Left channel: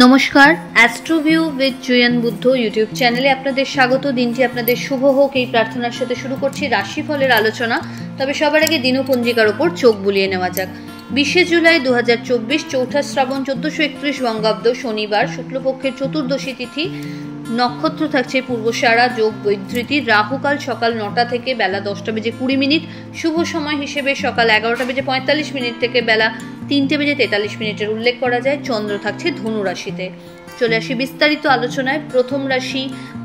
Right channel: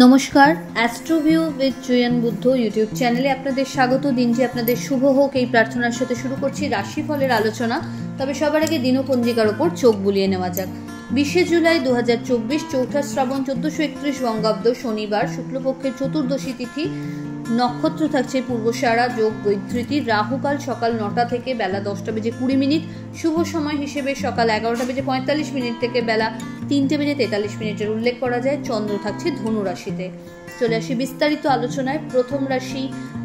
নমস্কার, অ্যাস্ট্রোভিউ with জুয়েন Buddha YouTube চ্যানেলে আপনাদের স্বাগত। দিনটি আপনাদের শুভ হোক এই প্রার্থনার সাথে শুরু করছি রাশিফলের আলোচনা। তবে সবার আগে দিনপঞ্জিকার ওপর চোখ বুলিয়ে নেওয়া যাক। 20 জুলাই 2024, চৌঠা শ্রাবণ, 1431 বঙ্গাব্দ, শনিবার, শুক্লপক্ষের চতুর্দশী তিথি। নক্ষত্র থাকছে পূর্বসারা, যোগ বৈধৃতি। রাহুকাল সকাল 9টা থেকে বেলা 10:20। শুভ সময় হিসেবে সকাল 11:45 থেকে বেলা 3:43 উল্লেখ করা যায়। চন্দ্র থাকছে ধনু রাশিতে। চলে আসি বিস্তারিত আলোচনায়। প্রথম রাশি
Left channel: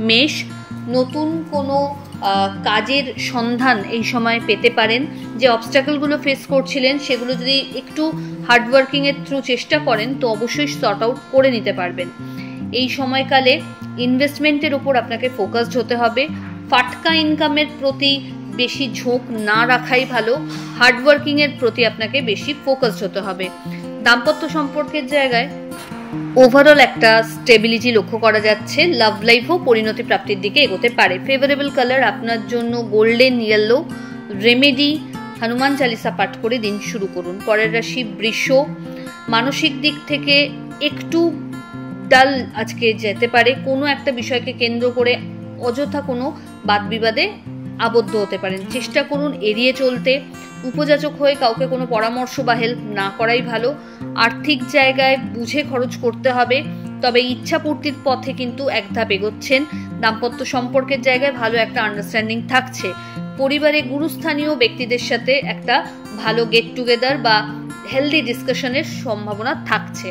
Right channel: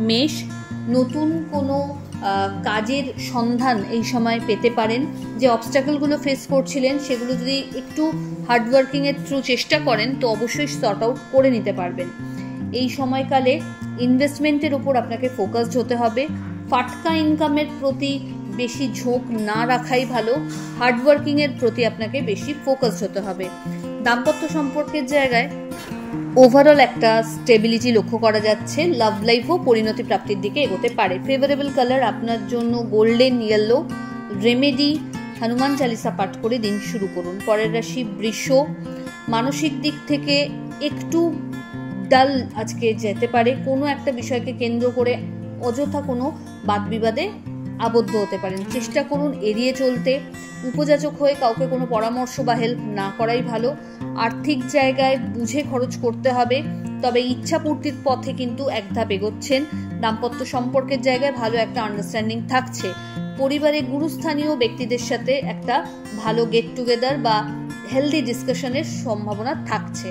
মেষ। নতুন কোনো কাজের সন্ধান এই সময় পেতে পারেন। যে অবস্ট্যাকলগুলো ফেস করছিলেন সেগুলো যদি একটু হার্ডওয়ার্কিংয়ের থ্রু চেষ্টা করেন তো অবশ্যই সর্ট আউট করে নিতে পারবেন। এই সময়কালে ইনভেস্টমেন্টের ওপর আপনাকে ফোকাসড হতে হবে। ফাটকা ইনকামের প্রতি বেশি ঝোঁক না রাখাই ভালো। হার্ডওয়ার্কিংয়ের প্রতি আপনাকে বেশি ফোকাসড হতে হবে। দাম্পত্য সম্পর্কের জায়গায় ওভারঅল একটা স্টেবিলিটি লক্ষ্য করা যাচ্ছে। লাভ লাইফও পরিণতি প্রাপ্তির দিকে এগোতে পারে। ফেভারেবল কালার আপনার জন্য golden yellow. Remedy Hanuman Chalisa পাঠ করে দিন শুরু করুন। পরের রাশি বৃষ। মানসিক দিক থেকে একটু ডাল আজকে যেতে পারে। কোনো একটা বিষয়কে কেন্দ্র করে অযথা কোনো বাদবিবাদে আবদ্ধ হতে পারেন। চেষ্টা করুন এড়িয়ে চলতে। উপযাচক হয়ে কাউকে কোনো পরামর্শ বা হেল্প না করাই ভালো। আর্থিক জায়গায় বুঝে খরচ করতে হবে, তবে ইচ্ছাপূর্তির পথে কিন্তু এক ধাপ এগোচ্ছেন। দাম্পত্য সম্পর্কের জায়গায় ভালো একটা আন্ডারস্ট্যান্ডিং থাকছে। পরিবারে গুরুস্থানীয় ব্যক্তিদের সাথে একটা ভালো গেট টুগেদার বা হেলদি ডিসকাশনের সম্ভাবনা থাকছে।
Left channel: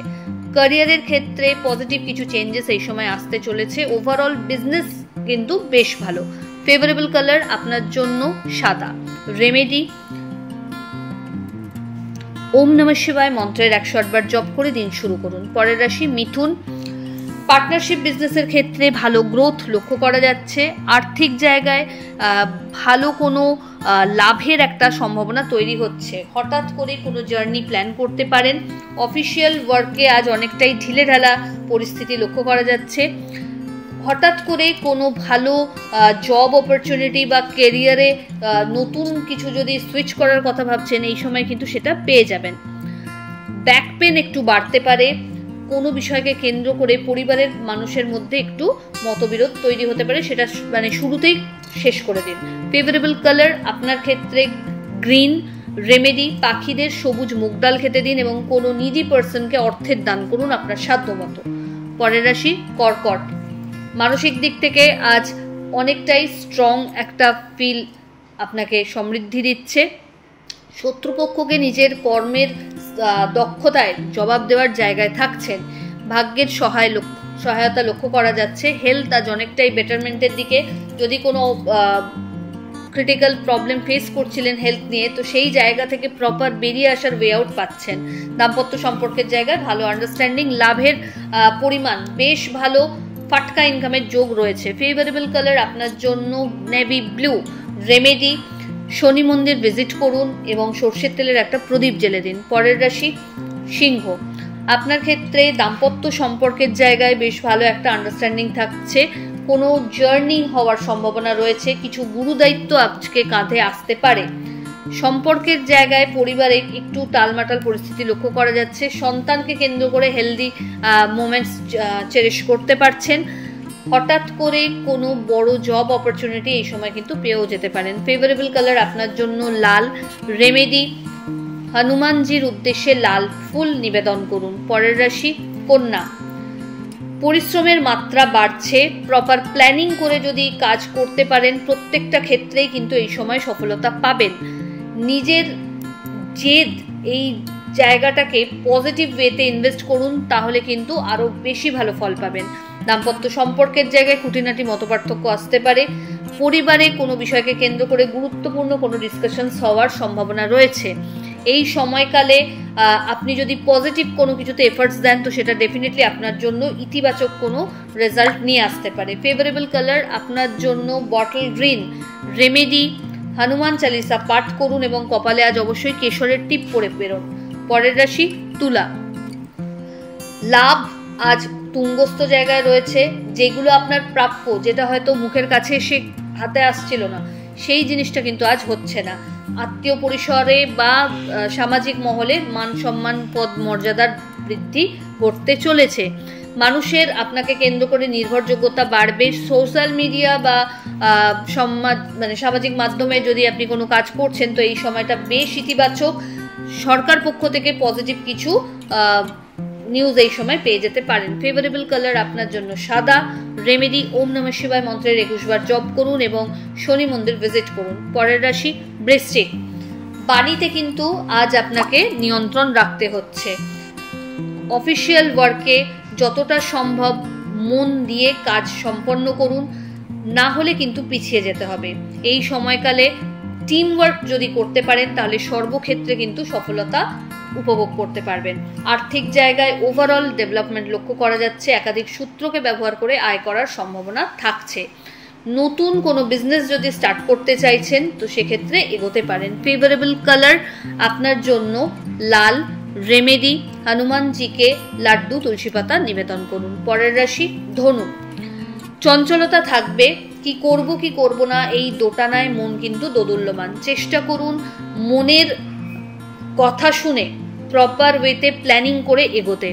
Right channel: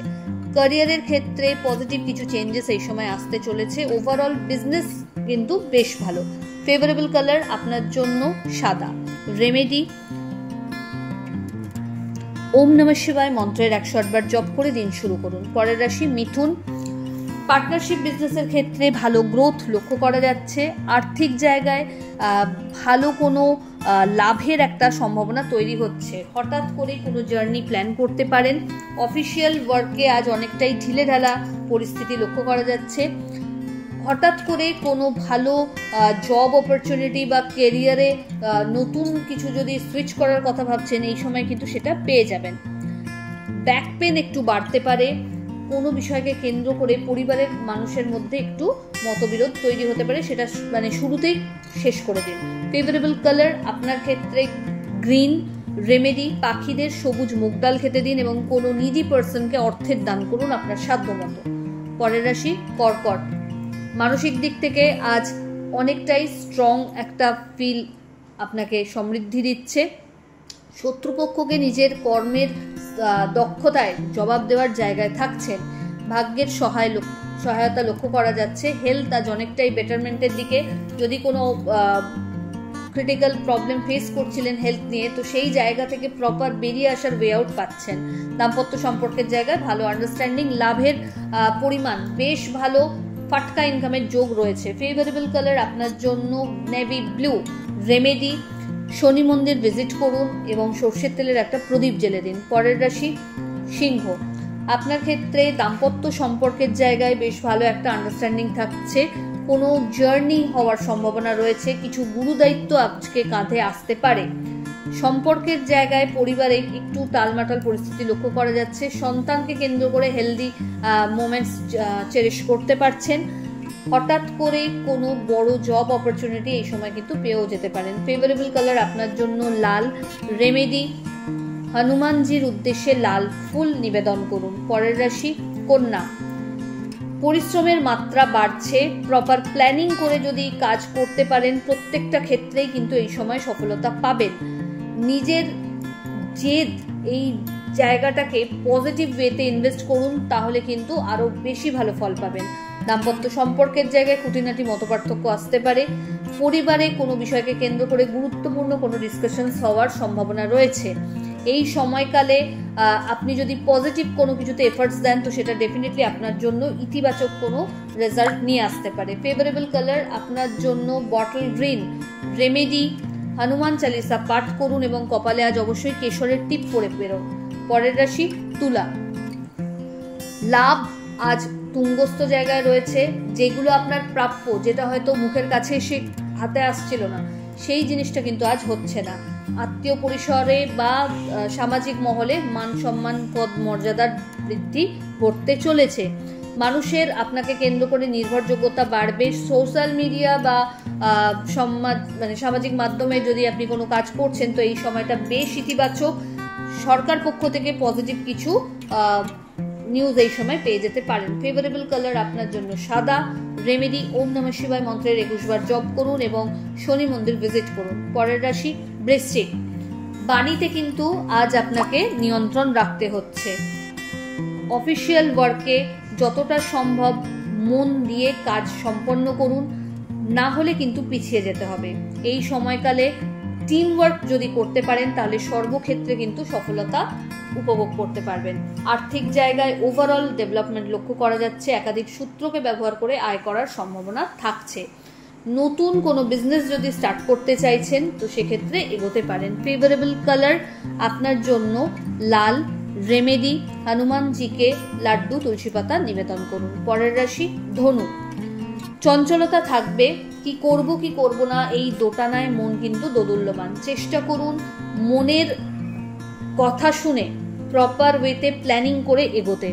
ক্যারিয়ারের ক্ষেত্রে পজিটিভ কিছু চেঞ্জেস এই সময় আসতে চলেছে। ওভারঅল বিজনেস কিন্তু বেশ ভালো। ফেভারেবল কালার আপনার জন্য সাদা। রেমেডি ওম নমঃ শিবায় মন্ত্রের 108 বার জপ করে দিন শুরু করুন। পরের রাশি মিথুন। পার্টনারশিপ বিজনেসের ক্ষেত্রে ভালো গ্রোথ লক্ষ্য করা যাচ্ছে। আর্থিক জায়গায় ভালো কোনো লাভের একটা সম্ভাবনা তৈরি হচ্ছে। হঠাৎ করে কোনো জার্নি প্ল্যান করতে পারেন। অফিসিয়াল ওয়ার্কে আজ অনেকটাই ঢিলেঢালা পরিস্থিতি লক্ষ্য করা যাচ্ছে। হঠাৎ করে কোনো ভালো জব অপরচুনিটি বা কেরিয়ারে নতুন কিছু যদি সুইচ করার কথা ভাবছেন এই সময় কিন্তু সেটা পেয়ে যাবেন। ব্যাক পেন একটু বাড়তে পারে। কোনো বিষয়কে কেন্দ্র করে পরিবারের মানুষের মধ্যে একটু মতবিরোধ তৈরি হতে পারে, সেটা শুরুতেই শেষ করে দিন। ফেভারেবল কালার আপনার ক্ষেত্রে গ্রিন। রেমেডি পাখিদের সবুজ মুগ ডাল খেতে দিন এবং কোনো নিডি পার্সনকে অর্থের দান করুন আপনার সাধ্য মতো। পরের রাশি কর্কট। মানসিক দিক থেকে আজ অনেকটাই স্ট্রং একটা ফিল আপনাকে সমৃদ্ধি দিচ্ছে। শত্রুপক্ষকে নিজের কর্মের দক্ষতায় জবাব দেওয়ার জায়গায় থাকছেন। ভাগ্যের সহায়তা লক্ষ্য করা যাচ্ছে। হেলথ আজ অনেকটাই বেটারমেন্টের দিকে। যদি কোনো ক্রিটিক্যাল প্রবলেম ফেস করছিলেন হেলথ নিয়ে, তো সেই জায়গা থেকে প্রপার বেরিয়ে আসার ওয়ে আউট পাচ্ছেন। দাম্পত্য সম্পর্কের জায়গায় ভালো আন্ডারস্ট্যান্ডিং। লাভের পরিমাণ বেশ ভালো। ফাটকা ইনকামের যোগ রয়েছে। ফেভারেবল কালার আপনার জন্য নেভি ব্লু। রেমেডি শনি মন্দির ভিজিট করুন এবং সর্ষের তেলের একটা প্রদীপ জ্বেলে দিন। পরের রাশি সিংহ। আপনার ক্ষেত্রে দাম্পত্য সম্পর্কের জায়গায় বেশ ভালো একটা আন্ডারস্ট্যান্ডিং থাকছে। কোনো জার্নি হওয়ার সম্ভাবনা রয়েছে। কিছু গুরুদায়িত্ব আজকে কাঁধে আসতে পারে। সম্পর্কের জায়গায় পরিবারে একটু টালমাটাল পরিস্থিতি লক্ষ্য করা যাচ্ছে। সন্তানকে কেন্দ্র করে হেলদি মোমেন্টস চেরিশ করতে পারছেন। হঠাৎ করে কোনো বড় জব অপরচুনিটি এই সময় কিন্তু পেয়েও যেতে পারেন। ফেভারেবল কালার আপনার জন্য লাল। রেমেডি হনুমানজির উদ্দেশ্যে লাল ফুল নিবেদন করুন। পরের রাশি কন্যা। পরিশ্রমের মাত্রা বাড়ছে। প্রপার প্ল্যানিং করে যদি কাজ করতে পারেন প্রত্যেকটা ক্ষেত্রেই কিন্তু এই সময় সফলতা পাবেন। নিজের জেদ এই জায়গাটাকে পজিটিভ ওয়েতে ইনভেস্ট করুন, তাহলে কিন্তু আরও বেশি ভালো ফল পাবেন। দাম্পত্য সম্পর্কের জায়গায় খুঁটিনাটি মতপার্থক্য আসতে পারে। পরিবারে কোনো বিষয়কে কেন্দ্র করে গুরুত্বপূর্ণ কোনো ডিসকাশনস হওয়ার সম্ভাবনা রয়েছে। এই সময়কালে আপনি যদি পজিটিভ কোনো কিছুতে এফার্টস দেন তো সেটা ডেফিনেটলি আপনার জন্য ইতিবাচক কোনো রেজাল্ট নিয়ে আসতে পারে। ফেভারেবল কালার আপনার জন্য bottle green. Remedy Hanuman Chalisa পাঠ করুন এবং কপালে আজ অবশ্যই কেশরের টিপ পরে বেরোন। পরের রাশি তুলা। লাভ আজ তুঙ্গস্থ জায়গায় রয়েছে। যেগুলো আপনার প্রাপ্য, যেটা হয়তো মুখের কাছে এসে হাতে আসছিল না, সেই জিনিসটা কিন্তু আজ হচ্ছে না। আত্মীয় পরিসরে বা সামাজিক মহলে মান সম্মান পদ মর্যাদার বৃদ্ধি ঘটতে চলেছে। মানুষের আপনাকে কেন্দ্র করে নির্ভরযোগ্যতা বাড়বে। সোশ্যাল মিডিয়া বা সামাজিক মাধ্যমে যদি আপনি কোনো কাজ করছেন তো এই সময়টা বেশ ইতিবাচক। সরকার পক্ষ থেকে পজিটিভ কিছু নিউজ এই সময় পেয়ে যেতে পারেন। ফেভারেবল কালার আপনার জন্য সাদা। রেমেডি ওম নমঃ শিবায় মন্ত্রের 21 বার জপ করুন এবং শনি মন্দির ভিজিট করুন। পরের রাশি বৃশ্চিক। বাণীতে কিন্তু আজ আপনাকে নিয়ন্ত্রণ রাখতে হচ্ছে। অফিসিয়াল ওয়ার্কে যতটা সম্ভব মন দিয়ে কাজ সম্পন্ন করুন, না হলে কিন্তু পিছিয়ে যেতে হবে। এই সময়কালে টিম ওয়ার্ক যদি করতে পারেন তাহলে সর্বক্ষেত্রে কিন্তু সফলতা উপভোগ করতে পারবেন। আর্থিক জায়গায় ওভারঅল ডেভেলপমেন্ট লক্ষ্য করা যাচ্ছে। একাধিক সূত্রকে ব্যবহার করে আয় করার সম্ভাবনা থাকছে। নতুন কোনো বিজনেস যদি স্টার্ট করতে চাইছেন তো সেক্ষেত্রে এগোতে পারেন। ফেভারেবল কালার আপনার জন্য লাল। রেমেডি হনুমানজিকে লাড্ডু তুলসী পাতা নিবেদন করুন। পরের রাশি ধনু। চঞ্চলতা থাকবে, কি করব কি করব না এই দোটানায় মন কিন্তু দোদুল্যমান। চেষ্টা করুন মনের কথা শুনে প্রপার ওয়েতে প্ল্যানিং করে এগোতে।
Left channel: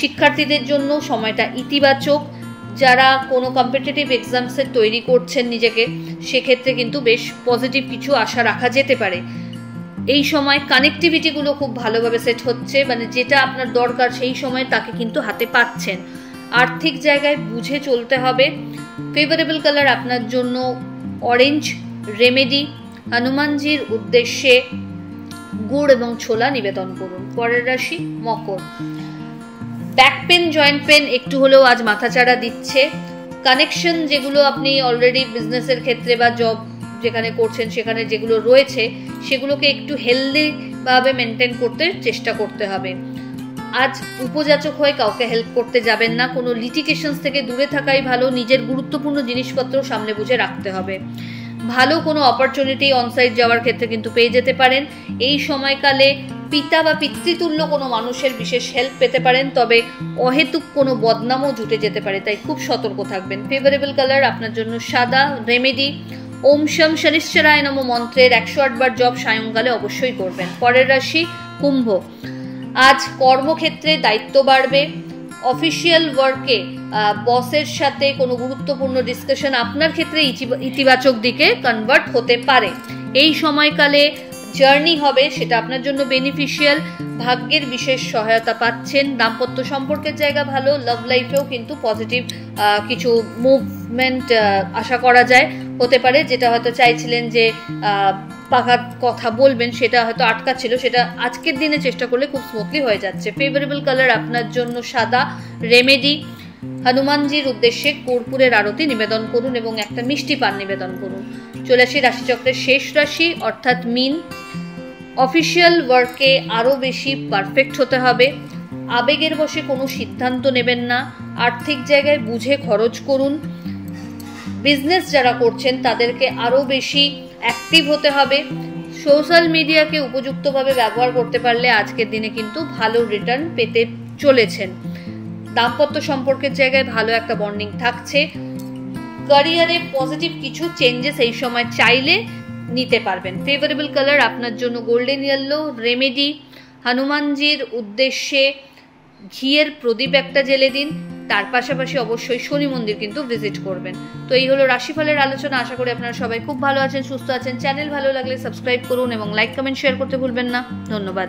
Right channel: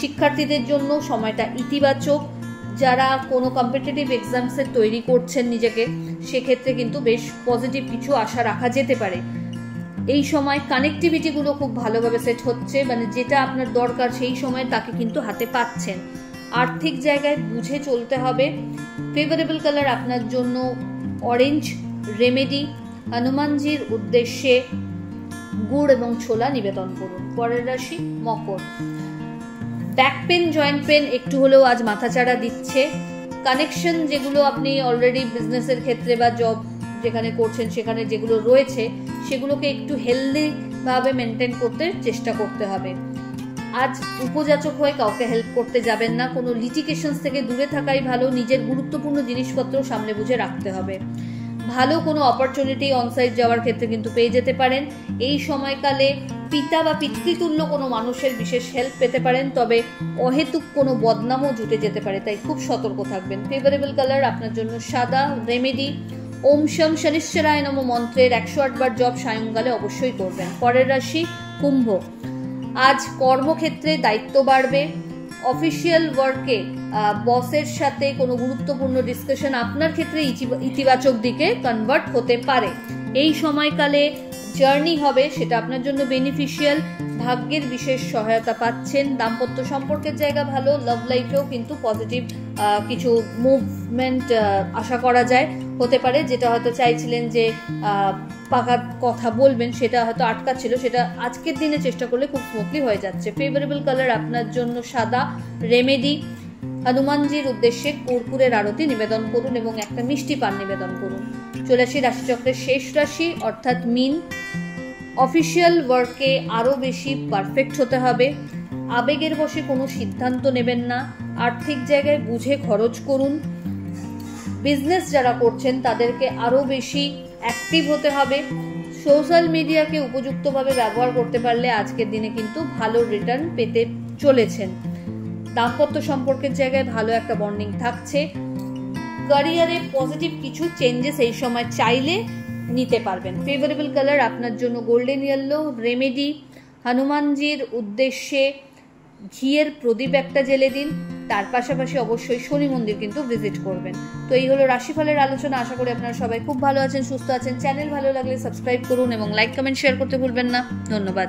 শিক্ষার্থীদের জন্য সময়টা ইতিবাচক। যারা কোনো কম্পিটিটিভ এক্সামসে তৈরি করছেন নিজেকে, সেক্ষেত্রে কিন্তু বেশ পজিটিভ কিছু আশা রাখা যেতে পারে। এই সময় কানেক্টিভিটিগুলো খুব ভালোভাবে সেট হচ্ছে, যেটা আপনার দরকার সেই সময় তাকে কিন্তু হাতে পাচ্ছেন। আর্থিক জায়গায় বুঝে চলতে হবে। ফেভারেবল কালার আপনার জন্য অরেঞ্জ। রেমেডি হনুমানজির উদ্দেশ্যে গুড় এবং ছোলা নিবেদন করুন। পরের রাশি মকর। ব্যাক পেন, জয়েন্ট পেন একটু হলেও আজ মাথাচাড়া দিচ্ছে। কানেকশন যেগুলো আপনি অলরেডি বিজনেসের ক্ষেত্রে বা জব যেখানে করছেন সেখানে যেগুলো রয়েছে সেগুলোকে একটু হেলদিভাবে মেনটেন করতে চেষ্টা করতে হবে। আজ উপযাচক হয়ে কাউকে হেল্প করতে যাবেন না। কোনো লিটিগেশনস থেকে দূরে থাকাই ভালো। নিজের গুরুত্বপূর্ণ জিনিসপত্র সামনে বুঝে রাখতে হবে। ভালো কোনো অপরচুনিটি অনসাইট যাওয়ার ক্ষেত্রে কিন্তু পেয়ে যেতে পারেন। এই সময়কালে পিতা বা পিতৃতুল্য কোনো মানুষের বিশেষ হেল্প পেতে পারেন, তবে অহেতুক কোনো বদনামও জুটে যেতে পারে, তাই খুব সতর্ক থাকবেন। ফেভারেবল কালার আপনার জন্য সাদা। রেমেডি ওম শম শনিশ্চরায় নমঃ মন্ত্রের 108 বার জপ সায়ংকালে অবশ্যই করবেন। পরের রাশি কুম্ভ। আজ কর্মক্ষেত্রে দায়িত্ব বাড়বে। অফিসিয়াল ওয়ার্কে বসের সাথে কোনো গুরুত্বপূর্ণ ডিসকাশন আপনার ক্ষেত্রে ইতিবাচক দিকে কনভার্ট হতে পারে। এই সময়কালে জার্নি হবে, সেটা আপনার জন্য বেনিফিশিয়াল। ভাগ্যের বিশেষ সহায়তা পাচ্ছেন। দাম্পত্য সম্পর্কের জায়গা ভালো। লাভ লাইফেও কিন্তু পজিটিভ কিছু মুভমেন্ট আশা করা যায়। হতে পারে যেটা হয়তো চাইছিলেন যে পাকা কথা বলবেন, সেটা হয়তো আটকা ছিল, সেটা আজকের দিনে চেষ্টা করলে খুব স্মুথলি হয়ে যাচ্ছে। ফেভারেবল কালার আপনার জন্য সাদা। রেমেডি হনুমানজির উদ্দেশ্যে কর্পূরের আরতি নিবেদন করুন এবং একটা মিষ্টি পান নিবেদন করুন। চলে আসি রাশিচক্রের শেষ রাশি অর্থাৎ মীন। অফিসিয়াল ওয়ার্কে আরও বেশি পারফেক্ট হতে হবে। আবেগের বশে কোনো সিদ্ধান্ত নেবেন না। আর্থিক জায়গায় বুঝে খরচ করুন। বিজনেস যারা করছেন তাদেরকে আরও বেশি অ্যাক্টিভ হতে হবে। সোশ্যাল মিডিয়াকে উপযুক্তভাবে ব্যবহার করতে পারলে আজকের দিনে কিন্তু ভালো রিটার্ন পেতে চলেছেন। দাম্পত্য সম্পর্কের জায়গায় ভালো একটা বন্ডিং থাকছে। ক্যারিয়ারে পজিটিভ কিছু চেঞ্জেস এই সময় চাইলে নিতে পারবেন। ফেভারেবল কালার আপনার জন্য গোল্ডেন ইয়েলো। রেমেডি হনুমানজির উদ্দেশ্যে ঘিয়ের প্রদীপ একটা জ্বেলে দিন। তার পাশাপাশি অবশ্যই শনি মন্দির কিন্তু ভিজিট করবেন। তো এই হলো রাশিফলের আলোচনা। আশা করি আপনারা সবাই খুব ভালো আছেন, সুস্থ আছেন। চ্যানেল ভালো লাগলে সাবস্ক্রাইব করুন এবং লাইক কমেন্ট শেয়ার করতে ভুলবেন না। ধন্যবাদ।